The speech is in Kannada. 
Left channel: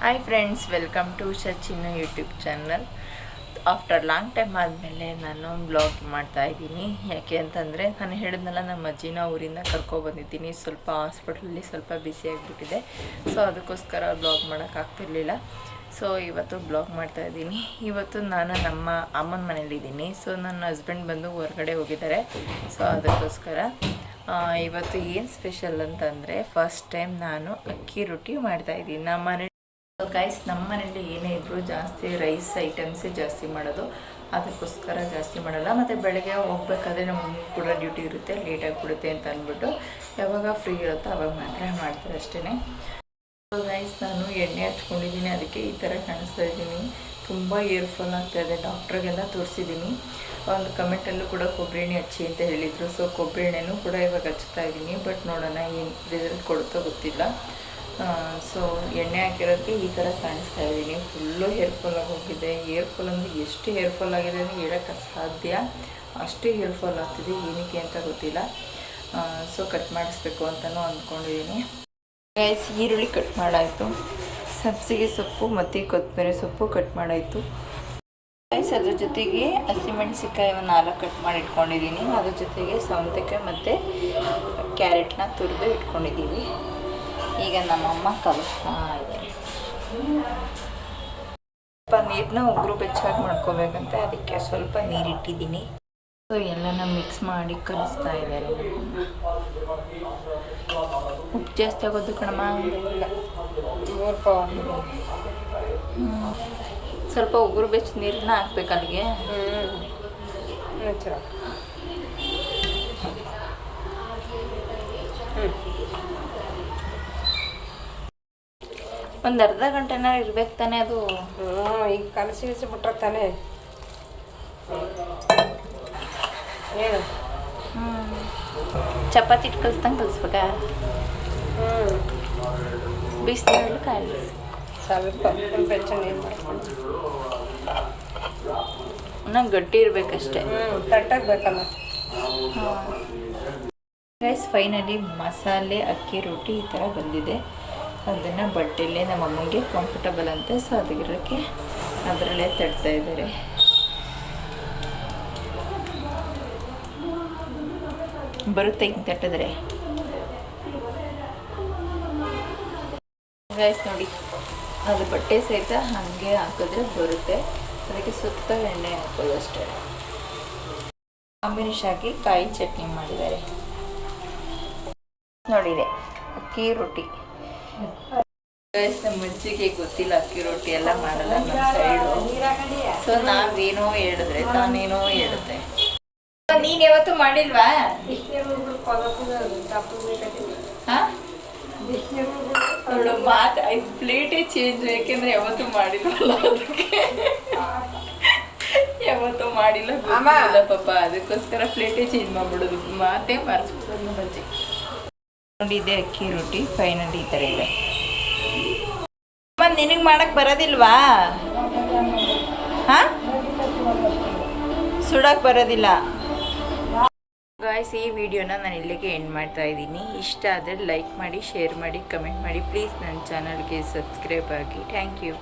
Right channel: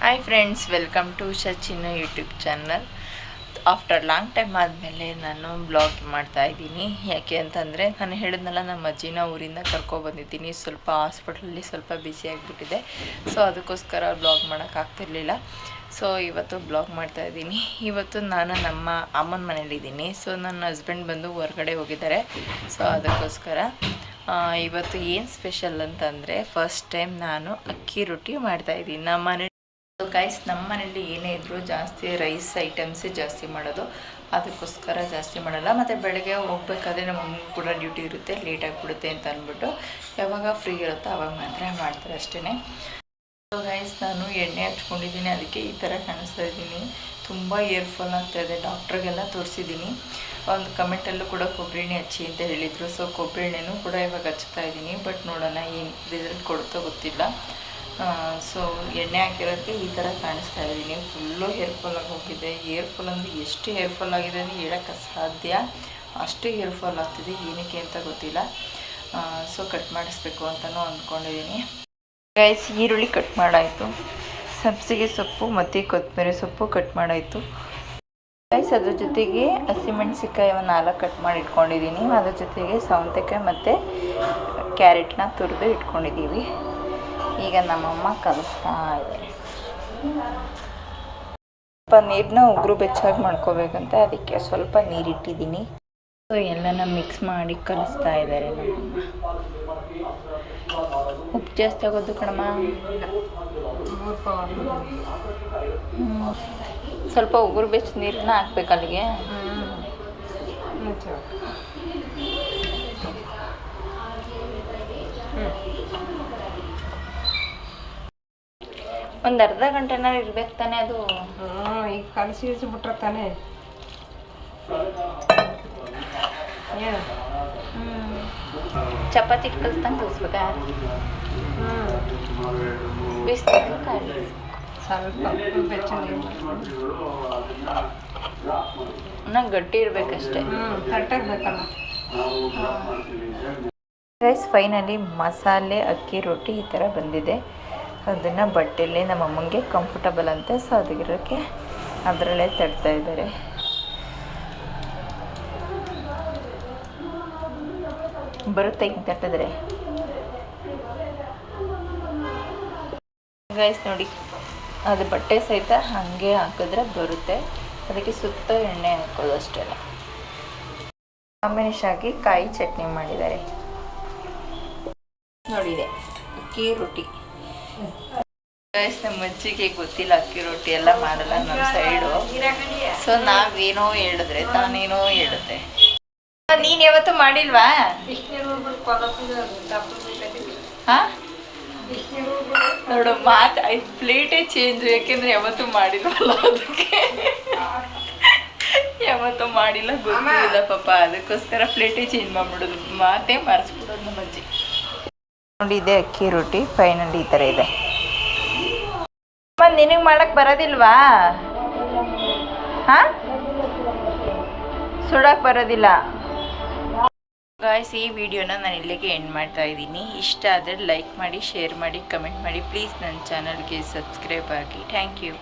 Hi friends, welcome to Chinnu YouTube channel. After long time ಆದಮೇಲೆ ನಾನು ಬ್ಲಾಗ್ ಮಾಡ್ತಾಯಿದ್ದೀನಿ. ಯಾಕೆ ಅಂತಂದರೆ ನಾನು ಹೇಳಿದ್ನಲ್ಲ, ನಮ್ಮ ಅಜ್ಜಿನ ಊರಿಂದ ಕರ್ಕೊಬಂದಿದ್ದೀನಿ. ಸ್ವಲ್ಪ ಹಾಸ್ಪಿಟ್ಲಲ್ಲಿ ಸ್ವಲ್ಪ ಬ್ಯುಸಿ ಆಗಿಬಿಟ್ಟಿದೆ. ಸೊ ಅದಕ್ಕೋಸ್ಕರ ಬ್ಲಾಗ್ ಮಾಡೋಕ್ಕಾಗ್ತಿರ್ಲಿಲ್ಲ. ಸೊ ಇವತ್ತು ಬ್ಲಾಗ್ ಮಾಡ್ತಾಯಿದ್ದೀನಿ. ಇವತ್ತು ನಾನು ನಮ್ಮ ಅಮ್ಮನ ಮನೇಲಿದ್ದೀನಿ. ಸೊ ನನ್ನ ಹಸ್ಬೆಂಡ್ ಬಂದು ಹೊರಗಡೆ ಹೋಗಿದ್ದಾರೆ. ಸೊ ಅದಕ್ಕೋಸ್ಕರ ಇವತ್ತು ಏನು ಸ್ಪೆಷಲ್ ಅಂತಂದರೆ, ಫಸ್ಟ್ ಟೈಮ್ ನಾನು ಅಕ್ಕಿ ರೊಟ್ಟಿ ಮಾಡ್ತಾಯಿದ್ದೀನಿ ನಮ್ಮ ಮನೆ. ಸೊ ಗೈಸ್, ನಮ್ಮ ಮನೇಲಿ ಏನೇ ಇದ್ದರೂ ಜಾಸ್ತಿ ರೈಸ್ ಐಟಮ್ಸೇ ಜಾಸ್ತಿ ಮಾಡೋದು. ಅದಕ್ಕೋಸ್ಕರ ಜಾಸ್ತಿ ಮಾಡಲ್ಲ. ಮತ್ತು ಬೆಳಗ್ಗೆ ಹೋಗ್ಬೇಕಾದ್ರೆ ನಮಗೆ ಕೂಡ ಡ್ಯೂಟಿ ಇರುತ್ತೆ, ಲೇಟಾಗಿಬಿಡುತ್ತೆ ಅಂತ ಅಂದ್ಬಿಟ್ಟು ಯಾವಾಗ ಫ್ರೀ ಇರುತ್ತೋ ಆವಾಗ ಮಾತ್ರ ಮಾಡ್ತಾರೆ ಅಷ್ಟೇ. ಸೊ ಗೈಸ್, ನಾನು ಎಣ್ಣೆ ಹಚ್ಕೊಂಡಿದ್ದೀನಿ, ಅದಕ್ಕೆ ಈ ಥರ ಕಾಣಿಸ್ತಾ ಇದ್ದೀನಿ. ತುಂಬ ಏರ್ ಫಾಲ್ ಆಗ್ತಾಯಿದೆ. ಡಾಕ್ಟ್ರಿಗೆಲ್ಲ ತೋರಿಸಿದ್ದೀನಿ. ಒಂದು ಕಮೆಂಟಲ್ಲೂ ಕೂಡ ಕೊಬ್ಬರಿ ಎಣ್ಣೆ ಹಚ್ಚಿ ಅಂತ ಹೇಳಿದರು. ಸೊ ಕೊಬ್ಬರಿ ಎಣ್ಣೆನೂ ಕೂಡ ಇವಾಗ ಹಚ್ತಾ ಇದ್ದೀನಿ. ಬಟ್ ನೋಡೋಣ ಏನು ರಿಸಲ್ಟ್ ಕೊಡುತ್ತೋ ಗೊತ್ತಿಲ್ಲ. ಸೊ ಎಣ್ಣೆ ಹಾಕಿರೋದಕ್ಕೆ ಈ ಥರ ಕಾಣಿಸ್ತಾ ಇದ್ದೀನಿ. ಫುಲ್ಲು ಹೇರ್ಫಾಲ್ ಆಗಿ ಹೋಗಿದೆ. ಏರ್ಫಾಲ್ ಅಂದರೆ ಎಷ್ಟು ಹೇರ್ಫಾಲ್ ಆಗಿದೆ ಅಂದರೆ ಹೇಳೋಕ್ಕೆ ಸಾಧ್ಯ. ಅಷ್ಟು ಹೇರ್ಫಾಲ್ ಆಗ್ತಿದೆ. ಏನಕ್ಕೆ ಅಂತ ಗೊತ್ತಿಲ್ಲ. ಸೊ ಕಟ್ ಮಾಡಿಸ್ಬೇಕು ಅಂತಲೂ ಅಂದ್ಕೊಂಡಿದ್ದೀನಿ. ಗೈಸ್, ಈರುಳ್ಳಿ ಕಟ್ ಮಾಡಾಯಿತು. ಸಬ್ಸಿಗೆ ಸೊಪ್ಪು ಮತ್ತು ಕೊತ್ತಂಬರಿ ಸೊಪ್ಪು ಕಟ್ ಮಾಡಾಯಿತು. ಗೈಸ್, ಅದ್ರ ಜೊತೆಗೆ ಹಸಿಮೆಣ್ಸಿಕಾಯಿ ಒಂದು 4 ಕಟ್ ಮಾಡಿ ಇಟ್ಕೊಂಡಿದ್ದೀನಿ. ಅದ್ರ ಜೊತೆಗೆ ಸೌತೆಕಾಯಿ ಮತ್ತು ಕ್ಯಾರೆಟ್ನ ತುರಿದು ಇಟ್ಕೊಂಡಿದ್ದೀವಿ. ಈಗ ನಮ್ಮಮ್ಮ ಕಲಿಸ್ತಾ ಇದ್ದಾರೆ. ಸ್ವಲ್ಪ ನೀರನ್ನ ಉಗುರು ಬೆಚ್ಚಾಗಿ ಮಾಡ್ಕೋಬೇಕಂತೆ, ಅದಕ್ಕೆ ಸ್ವಲ್ಪ ನೀರಿಟ್ಟಿದ್ದೀನಿ. ಸೊ ಎಲ್ಲನ ಮಿಕ್ಸ್ ಮಾಡಿ ಕಲಿಸ್ತಾ ಇದ್ದಾರೆ ನಮ್ಮಮ್ಮ. ಉಪ್ಪು ಜಾಸ್ತಿ ಆಗೋದು ಕಣಮ್ಮ. ಸ್ವಲ್ಪ ಉಗುರು ಬೆಚ್ಚ ನೀರನ್ನ ಹಾಕ್ಬೇಕು ಅಲ್ಲಿಗೆ. ಒಂದು ಅರ್ಧ ಗಂಟೆನ ಇರ್ಬೇಕು ತಾನೇ ಅದು. ಈಗ ಕಲಸಿ ಬಿಟ್ರೆ ತಾನೇ ಏನು. ಚಪಾತಿ ಇಟ್ಟು ಕಲಿಸ್ದಂಗೆ ಕಲಿಸ್ಬೇಕಾ? ಬಿಸಿನೀರಲ್ಲಿ ಕಾಯಿಸಿ ಸ್ವಲ್ಪ ಬೆಚ್ಚ ನೀರು ಮಾಡ್ಕೊಂಡು ನಂಗೆ ಗಟ್ಟಿ ಇರಬೇಕಷ್ಟೇ. ತಟ್ಟಾಗಬೇಕಲ್ಲ. ಗೈಸ್, ಫೈನಲಿ ಮಸಾಲೆ ಅಕ್ಕಿ ರೊಟ್ಟಿ ಈ ಥರ ಬಂದಿದೆ. ಅದನ್ನು ಬಟ್ಟೆಯಲ್ಲೇ ನಮ್ಮ ಅಮ್ಮಂಗೆ ಕಂಫರ್ಟಬಲ್ ಅಂತೆ. ಸೊ ಅದಕ್ಕೆ ಅದರಲ್ಲೇ ತಡ್ತಾ ಇದ್ದಾರೆ. ಬರುತ್ತೆ ಹಿಂಗೆ ತಟ್ಟಿದ್ರೆ. ಗೈಸ್ ನೋಡಿ, ಅದು ಬಟ್ಟೆ ಸಹಿತ ಹಾಗೆ ಹಾಕಿದ್ರೆ ಬರುತ್ತೆ. ಅದಕ್ಕೆ ಸುತ್ತ ಎಣ್ಣೆ ಹಾಕೋದು ಅಷ್ಟೇ. ಕಾಂಬಿನೇಷನ್ ಆಗಿ ಕಾಯಿ ಚಟ್ನಿ ಮಾಡಿದ್ದಾರೆ. ನೋಡಿದೆ ಅಕ್ಕಿ ರೊಟ್ಟಿ. ಗೈಸ್, ನಮ್ಮ ಅಜ್ಜಿಗೆ ಗೊತ್ತಿಲ್ಲ ಅಕ್ಕಿ ರೊಟ್ಟಿ ಎಲ್ಲ ಮಾಡಲ್ಲ ನಮ್ಮ ಸೈಡು. ಸೊ ನಾವೇನೋ ಹೇಳಿದ್ರೆ ತಾನೇನೋ ಹೇಳುತ್ತೆ. ನೀನು ಯಾವತ್ತೂ ಮಾಡಿಲ್ವಾ? ಹಾಂ, ನೋಡು ಮಾತು 5 ಪ್ಲೇಟೇ ಚೇಂಜ್. ಯಾಕೆಂದರೆ ಯಾವತ್ತೂ ಮಾಡಿಲ್ವಲ್ಲ, ಅದಕ್ಕೆ ಯಾವತ್ತೂ ಮಾಡಿಲ್ಲ, ಗೊತ್ತಿಲ್ಲ ಪಾಪ. ಅದಕ್ಕೋಸ್ಕರ ಪ್ಲೇಟೇ ಚೇಂಜ್ ಮಾಡಿಬಿಡೋದು, ಮಾತೇ ಮಾರಿಸ್ಬಿಡೋದು ನಮ್ಮ ಅಜ್ಜಿ. ನೋಡಿ, ಇದೆ ಅಕ್ಕಿ ರೊಟ್ಟಿ. ಫೈನಲಿ ಈ ಥರ ಇದೆ. ನಿನಗೆ ಮಾಡಕ್ಕೆ ಬರೋದಿಲ್ವಾ? ಹಾಂ, ಸುಡಕ್ಕೆ ಬರೋದಿಲ್ಲ. ಗಾಯ್ಸ್, ಈ ವಿಡಿಯೋನ ನಾನು ಇಲ್ಲಿಗೆ ಎಂಡ್ ಮಾಡ್ತಾ ಇದ್ದೀನಿ. ಇಷ್ಟ ಆದರೆ ಲೈಕ್ ಮಾಡಿ, ಶೇರ್ ಮಾಡಿ, ಕಮೆಂಟ್ ಮಾಡಿ. ಪ್ಲೀಸ್ ನನ್ನ ಚಾನಲ್ಗೆ ಸಬ್ಸ್ಕ್ರೈಬ್ ಆಗಿ. Thank you.